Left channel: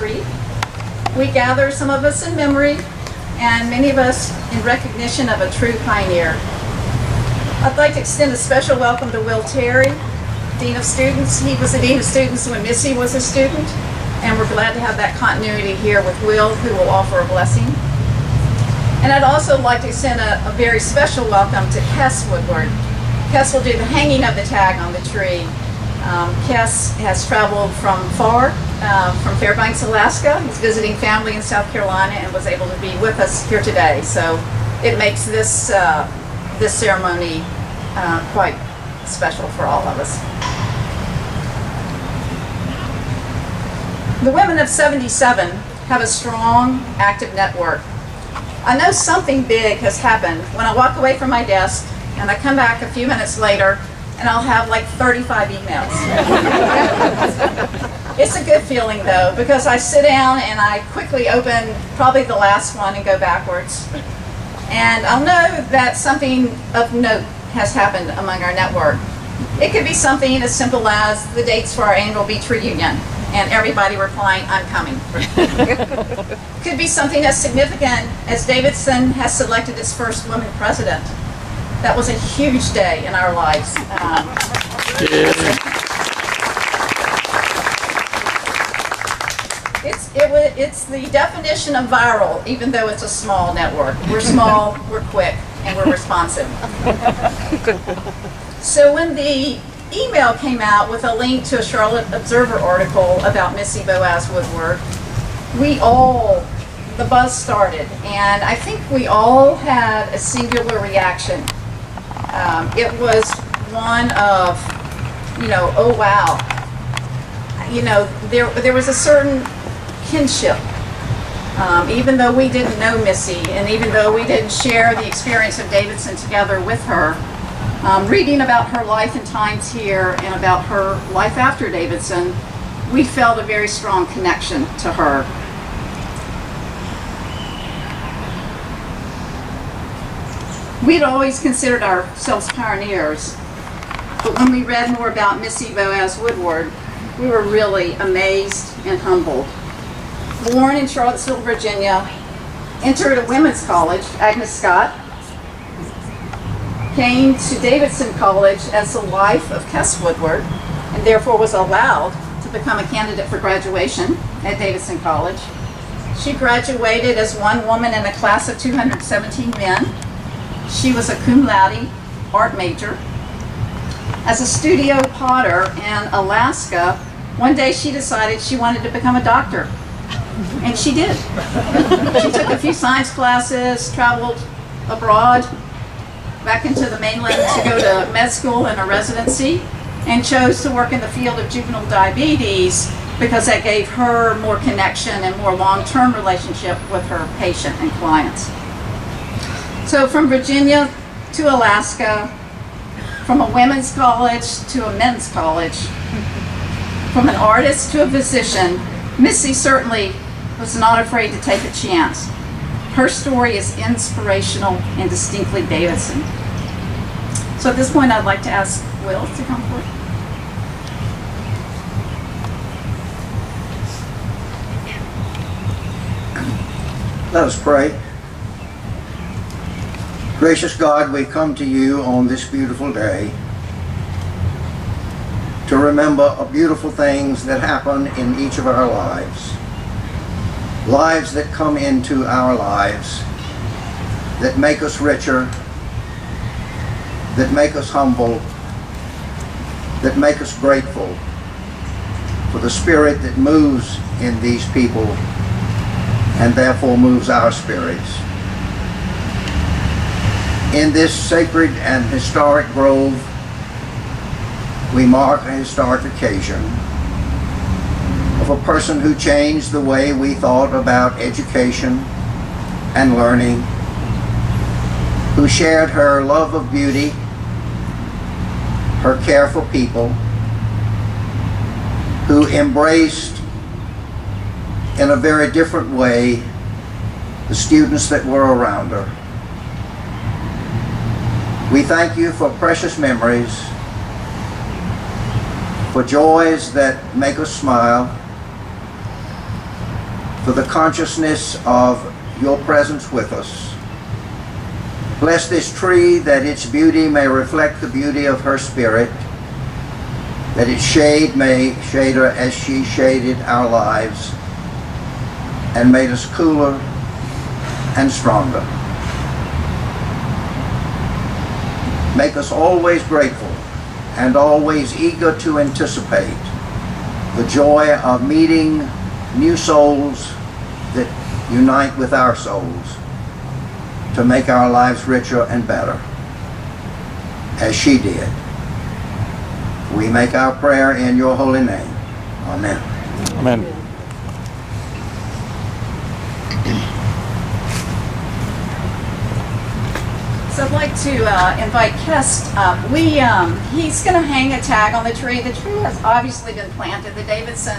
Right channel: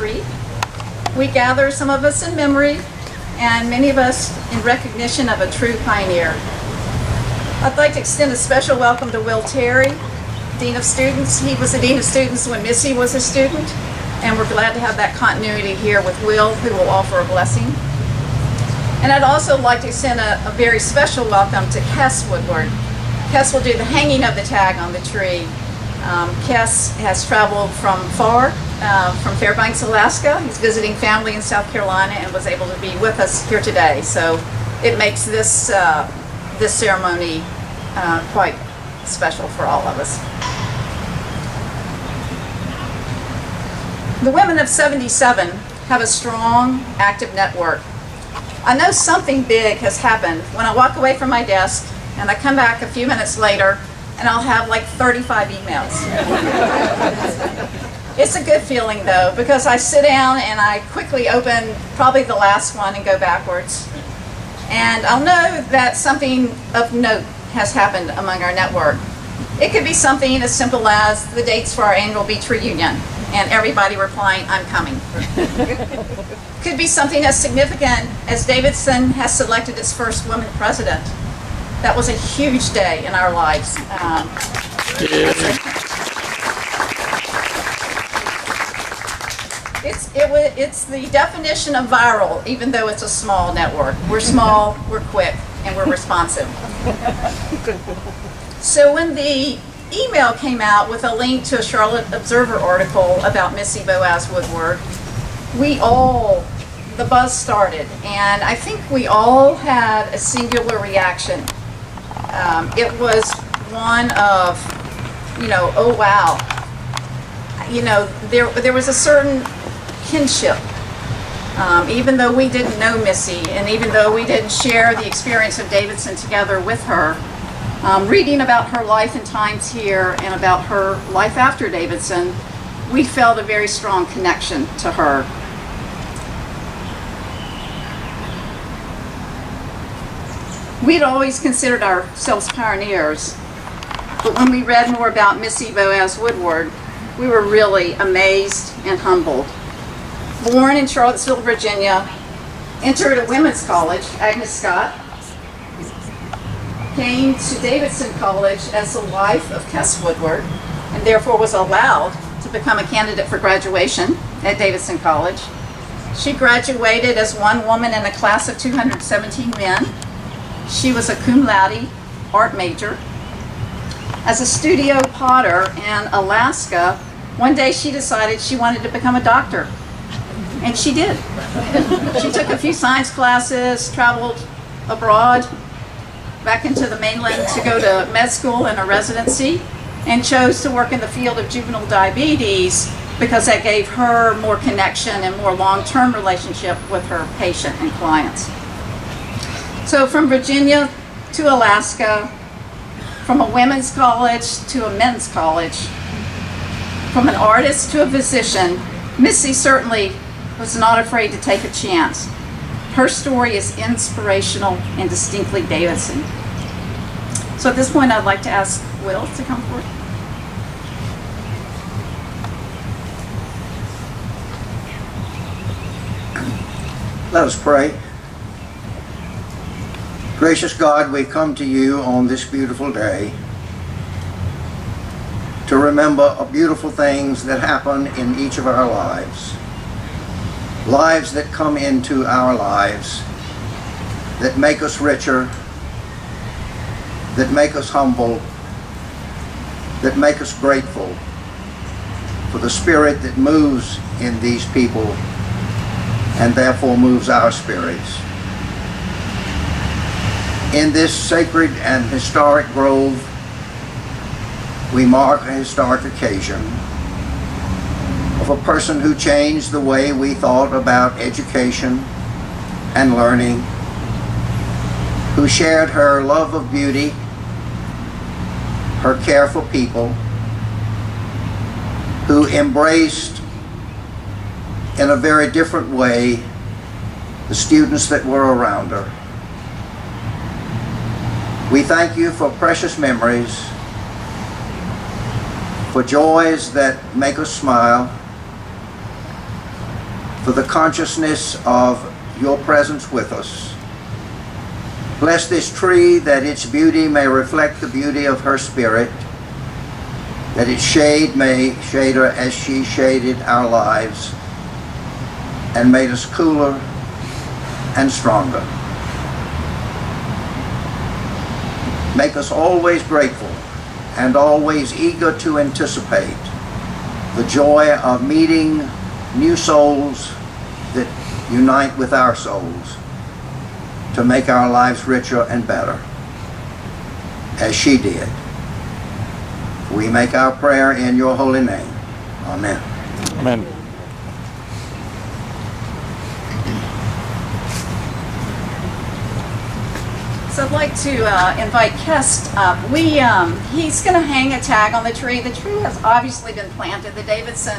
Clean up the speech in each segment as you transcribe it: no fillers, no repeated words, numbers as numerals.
tree. We gather, some of us in memory, and many of us in recognition of a true pioneer. I'd like to extend a special welcome to Will Terry, Dean of Students. He was the Dean of Students when Missy was a student, and we're glad to have that continuity here with Will, who will offer a blessing. And I'd also like to extend a very special welcome to Kes Woodward. Kes will do the hanging of the tag on the tree. Kes has traveled from far, from Fairbanks, Alaska. He's visiting family in South Carolina and was able to be with us here today. So it makes this, this ceremony quite special for all of us. The Women of 77 have a strong, active network. I know something big has happened when I walk away from my desk and I come back a few minutes later and I'll have like 35 emails. It's a good feeling though, because I sit down and I quickly open probably the last one and go backwards. And I'll know that something of note has happened among our network. It could be something as simple as the dates for our annual beach reunion and everybody replying, "I'm coming." Could be something as significant as Davidson has selected its first woman president. That was a huge day in our lives. It's the definition of viral, even though it's a small network. We're small, we're quick, and we're responsive. So when the email came out with a link to a Charlotte Observer article about Missy Woodward, the buzz started, and I think we all had a singular reaction. It was one of, oh wow. There was a certain kinship. Even though we didn't know Missy, and even though we didn't share the experience of Davidson together with her, reading about her life and times here and about her life after Davidson, we felt a very strong connection to her. We'd always considered ourselves pioneers, but when we read more about Missy Woodward, we were really amazed and humbled. Born in Charlottesville, Virginia, entered a women's college, Agnes Scott, came to Davidson College as the wife of Kes Woodward, and therefore was allowed to become a candidate for graduation at Davidson College. She graduated as one woman in a class of 217 men. She was a cum laude art major. As a studio potter in Alaska, one day she decided she wanted to become a doctor. And she did. She took a few science classes, traveled abroad, back into the mainland to go to med school and a residency, and chose to work in the field of juvenile diabetes because that gave her more connection and more long-term relationship with her patient and clients. So from Virginia to Alaska, from a women's college to a men's college, from an artist to a physician, Missy certainly was not afraid to take a chance. Her story is inspirational and distinctly Davidson. So at this point, I'd like to ask Will to come forward. Let us pray. Gracious God, we come to you on this beautiful day to remember beautiful things that happen in each of our lives. Lives that come into our lives, that make us richer, that make us humble, that make us grateful for the spirit that moves in these people and therefore moves our spirits. In this sacred and historic grove, we mark a historic occasion of a person who changed the way we thought about education and learning, who shared her love of beauty, her care for people, who embraced in a very different way the students that were around her. We thank you for precious memories, for joys that make us smile, for the consciousness of your presence with us. Bless this tree that its beauty may reflect the beauty of her spirit, that its shade may shade her as she shaded our lives and made us cooler and stronger. Make us always grateful and always eager to anticipate the joy of meeting new souls that unite with our souls to make our lives richer and better, as she did. We make our prayer in your holy name. Amen. Amen. So I'd like to invite Kest up. He's going to hang a tag on the tree. The tree has obviously been planted. The Davidson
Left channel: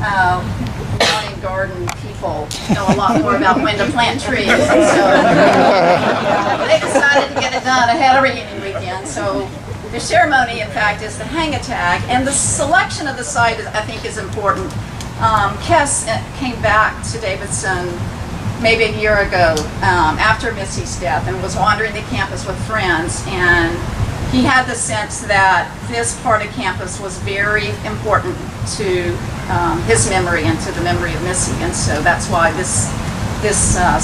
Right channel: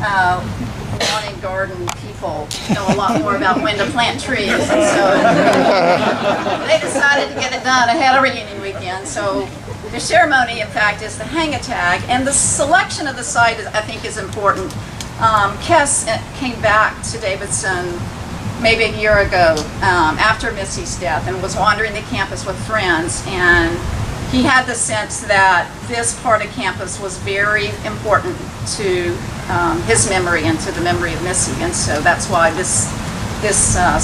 lawn and garden people know a lot more about when to plant trees. And so they decided to get it done ahead of reunion weekend. So the ceremony, in fact, is to hang a tag. And the selection of the site, I think, is important. Kest came back to Davidson maybe a year ago after Missy's death and was wandering the campus with friends, and he had the sense that this part of campus was very important to his memory and to the memory of Missy, and so that's why this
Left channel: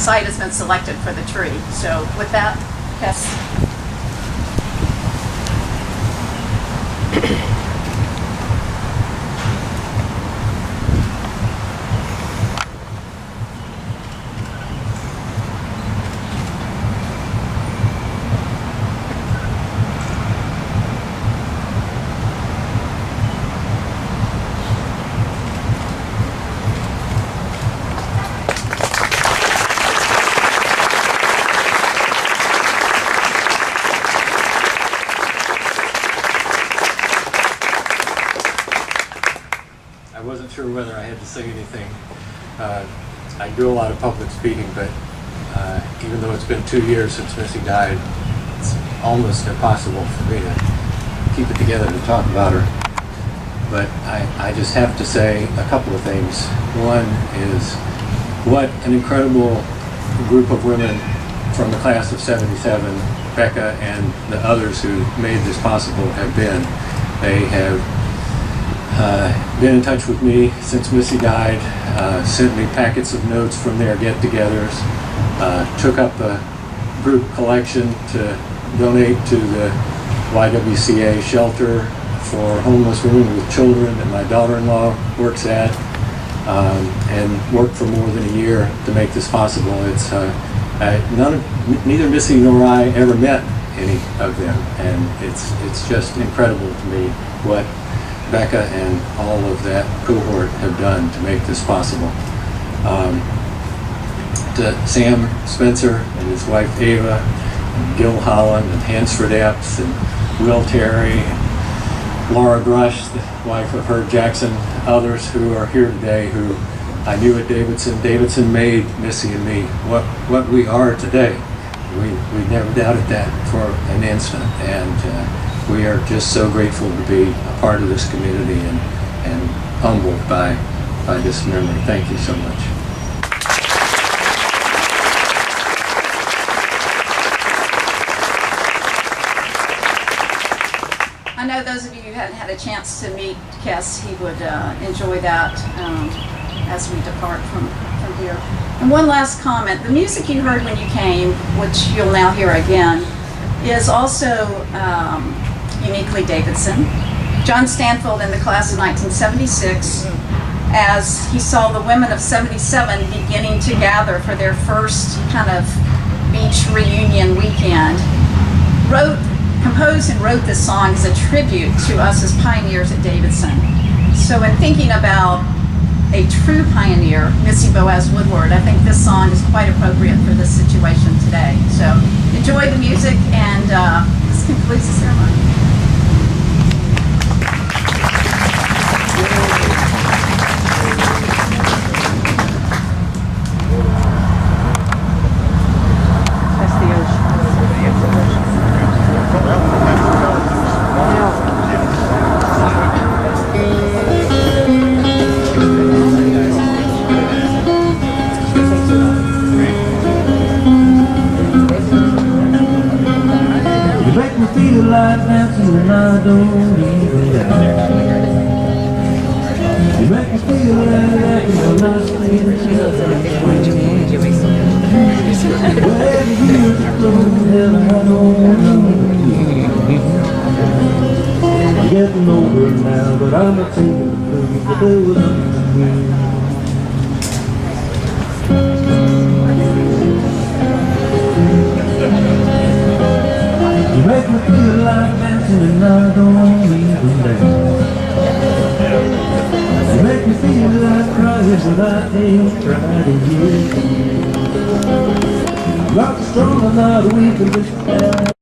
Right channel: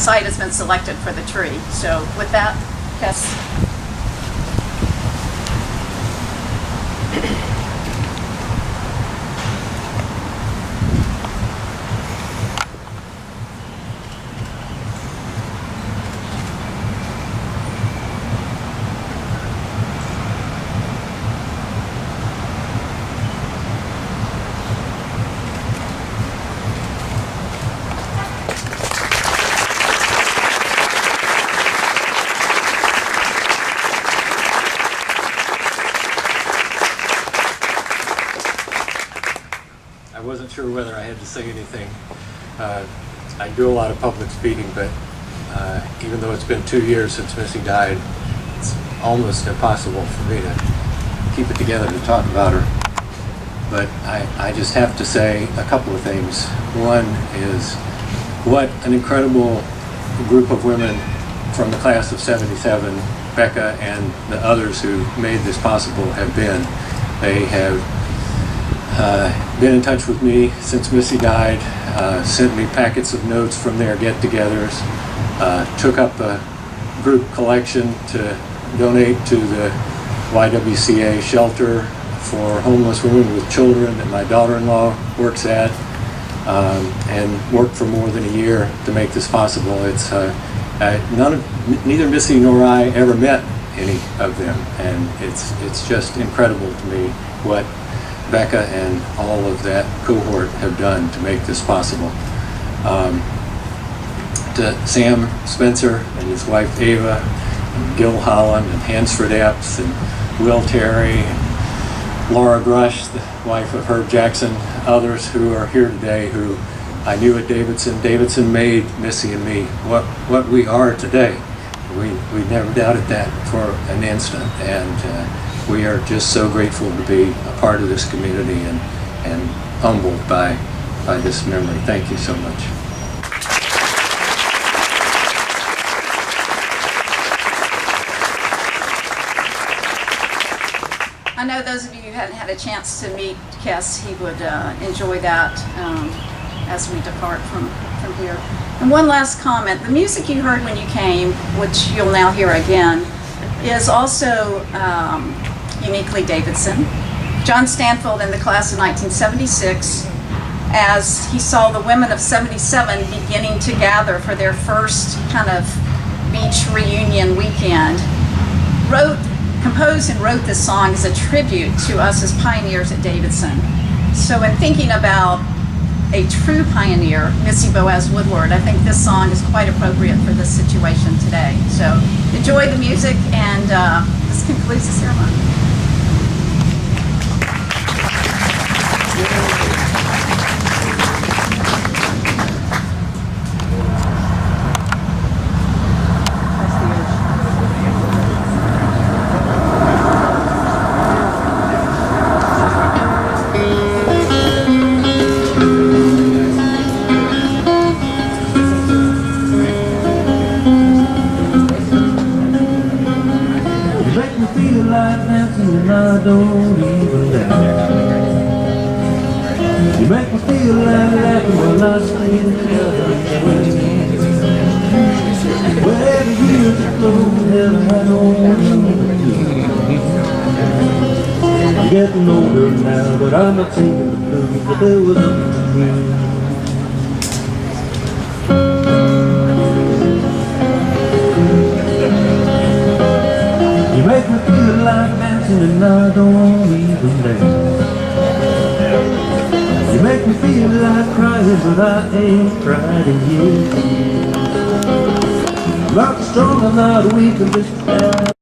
site has been selected for the tree. So with that, Kess. I wasn't sure whether I had to say anything. I do a lot of public speaking, but even though it's been 2 years since Missy died, it's almost impossible for me to keep it together to talk about her. But I just have to say a couple of things. One is what an incredible group of women from the class of '77, Becca and the others who made this possible have been. They have been in touch with me since Missy died, sent me packets of notes from their get-togethers, took up a group collection to donate to the YWCA shelter for homeless women with children that my daughter-in-law works at, and worked for more than a year to make this possible. It's neither Missy nor I ever met any of them, and it's just incredible to me what Becca and all of that cohort have done to make this possible. To Sam Spencer and his wife Ava, and Gil Holland, and Hansford Epps, and Will Terry, and Laura Grush, the wife of Herb Jackson, others who are here today who I knew at Davidson. Davidson made Missy and me what we are today. We never doubted that for an instant, and we are just so grateful to be a part of this community and humbled by this memory. Thank you so much. I know those of you who hadn't had a chance to meet Kess, he would enjoy that as we depart from here. And one last comment, the music you heard when you came, which you'll now hear again, is also uniquely Davidson. John Stanfield in the class of 1976, as he saw the women of '77 beginning to gather for their first kind of beach reunion weekend, composed and wrote this song as a tribute to us as pioneers at Davidson. So in thinking about a true pioneer, Missy Woodward, I think this song is quite appropriate for this situation today. So enjoy the music, and this concludes the ceremony. You make me feel like laughing when I stay together. Where the years are flown, hell, I don't know. I'm getting older now, but I'm not taking the blues, but there was nothing. You make me feel like dancing and I don't even dance. You make me feel like crying but I ain't cried in years. I'm not strong, I'm not weak, I'm just